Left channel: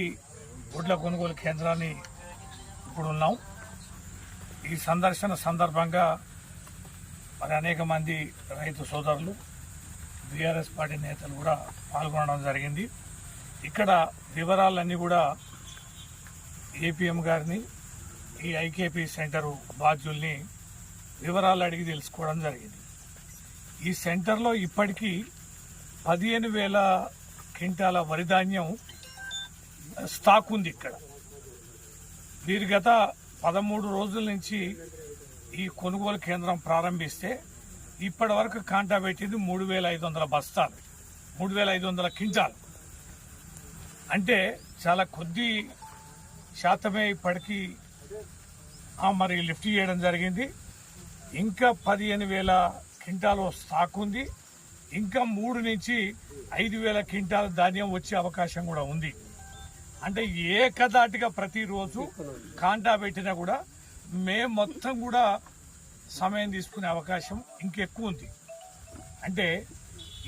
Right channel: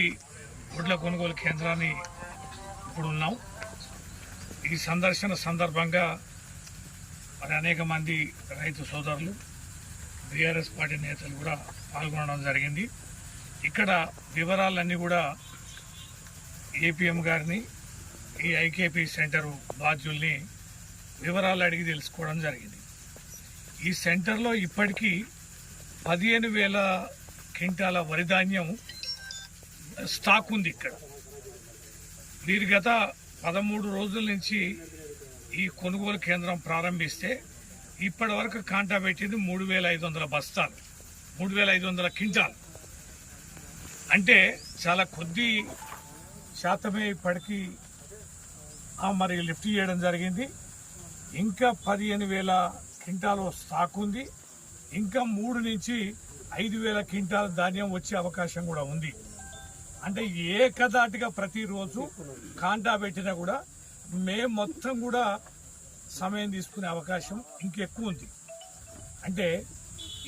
ఈ వడ్ల కొనుగోలు కేంద్రాన్ని ఇప్పుడు ఉన్నాం. ఈ సందర్శన సందర్భంగా మరి అనేక మంది రైతు సోదరులు, బీఆర్ఎస్ పార్టీ నేతలు కూడా పాల్గొనడం జరిగింది. ఇక్కడ వివరాలన్నీ కూడా ఏపీఎం గారిని, ఈ ఐకేపీ సెంటరు బాధ్యుల్ని వివరాలు అడిగి తెలుసుకోవడం జరిగింది. ఈ సెంటర్లో ఇప్పటికీ 15,000 క్వింటాల వరి ధాన్యం స్టాక్ ఉంది. ఇక్కడ వీరి గత 13 రోజుల నుంచి ఈ కొనుగోలు కేంద్రం ప్రారంభిస్తే ఇప్పటి వరకు కాంటా పెట్టింది 3,500 బస్తాలు, 3,500 క్వింటాలు. అంటే చాలా కొద్ది శాతమే ఇప్పటికీ మరి లిఫ్ట్ చేయడం జరిగింది. ఇంకా 15,000 క్వింటాలు స్టాక్ ఉంది. ఇంకా 3 నుంచి 5,000 క్వింటాల ధాన్యం వచ్చే అవకాశం కూడా ఉంది. అంటే ఏకదాటిగా ప్రతిరోజు కాంటా పెట్టినా కూడా మేము మొత్తం కూడా సమయం తీసుకునే అవకాశం ఇంకెక్కువ ఉంది. అంటే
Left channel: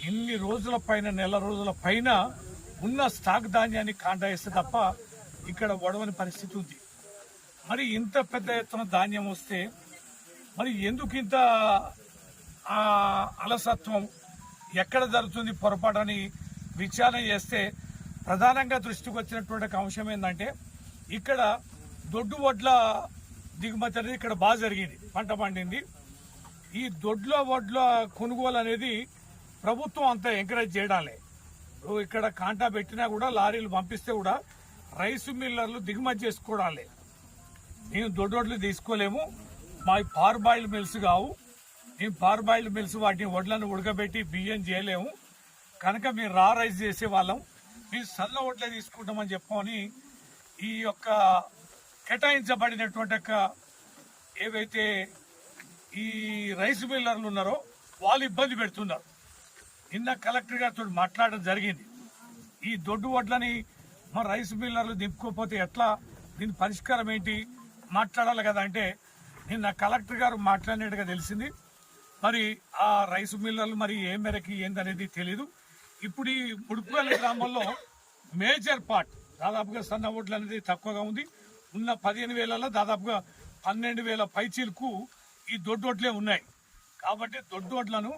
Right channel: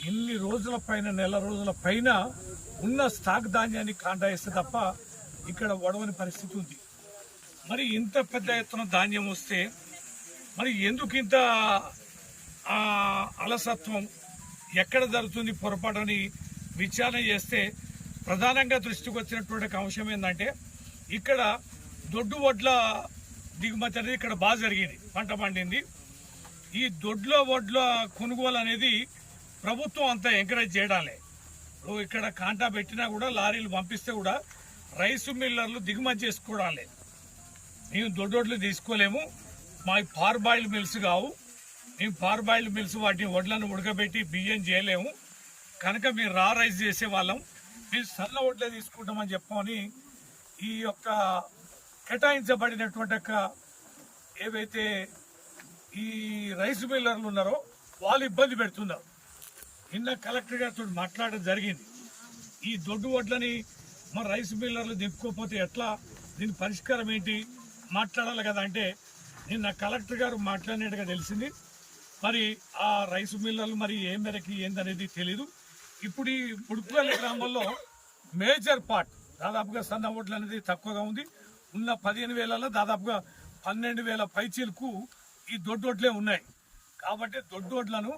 ఇన్ని రోజుల పైన, నెల రోజుల పైన ఉన్న స్టాక్ ధాన్యాన్ని కాంటా వేస్తే తప్ప ఇక్కడ వడవని పరిస్థితి ఉంది. మరి ఇంత పెద్ద ఎత్తున ధాన్యం వస్తే మరి ఎందుకు ఇంత అలసత్వం, ఎక్కడ జరుగుతుంది పొరపాటని విచారణ చేస్తే ప్రధానంగా దృష్టికి వచ్చినటువంటి అంశం ఏంటంటే ఇక్కడ దొడ్డు వడ్ల దిగుమతి అనేది ఇక్కడ బాగా జరిగింది, పంట పండింది. ఈ దొడ్ల వడ్ల కొనుగోలు అనేది ప్రభుత్వం అంతా ఎంకరేజ్ చేయడాలే. ఇక్కడ కాంటా పెట్టినా కూడా లారీలు పంపిస్తే కూడా రైసు మిల్లర్లు దిగుమతి చేసుకోవడాలే. మేము దొడ్డొడ్లు తీసుకోలేము, మా పార్బాయిల్డ్ మిల్స్ కావు, మేము పార్బాయిల్డ్ మిల్స్ వాటిని వడ్లను ఉడకబెట్టి బియ్యం చేయలేము, కనుక మేము రా రైస్ చేసేవాళ్ళం, మేము సన్న వడ్లే తీసుకుంటామని చెప్పమని ఈ యొక్క కేటాయించబడినటువంటి ఏవైతే ఈ రైస్ మిల్లర్లు ఉన్నారో వాళ్ళు ఇబ్బంది పెడుతున్నారు. నిన్న కలెక్టర్ గారితో మాట్లాడడం జరిగింది. ఈ దొడ్డు వడ్లని మన రైస్ మిల్లర్లు దింపుకోకపోతే ఎట్లా, దీని పరిష్కారం ఏంటి మాట్లాడాలి కదా అంటే నిన్న కలెక్టర్ గారు మాట్లాడినట్టుగా తెలిసింది. మరి ఆ రైస్ మిల్లర్లు మరి ఏ మేరకి ఏందనేది తెలీదు. ఇప్పుడు ఈ ముడుపుగల్లి గ్రామంలో మేజర్ పార్ట్ దాదాపుగా సన్న ఓట్లు అనేది తక్కువగా ఉంది. ఉన్న 15,000లో దాదాపుగా 12,000 పైచీలకు ఈ దొడ్డోట్లే ఉన్నాయి. కాబట్టి దొడ్డోట్లను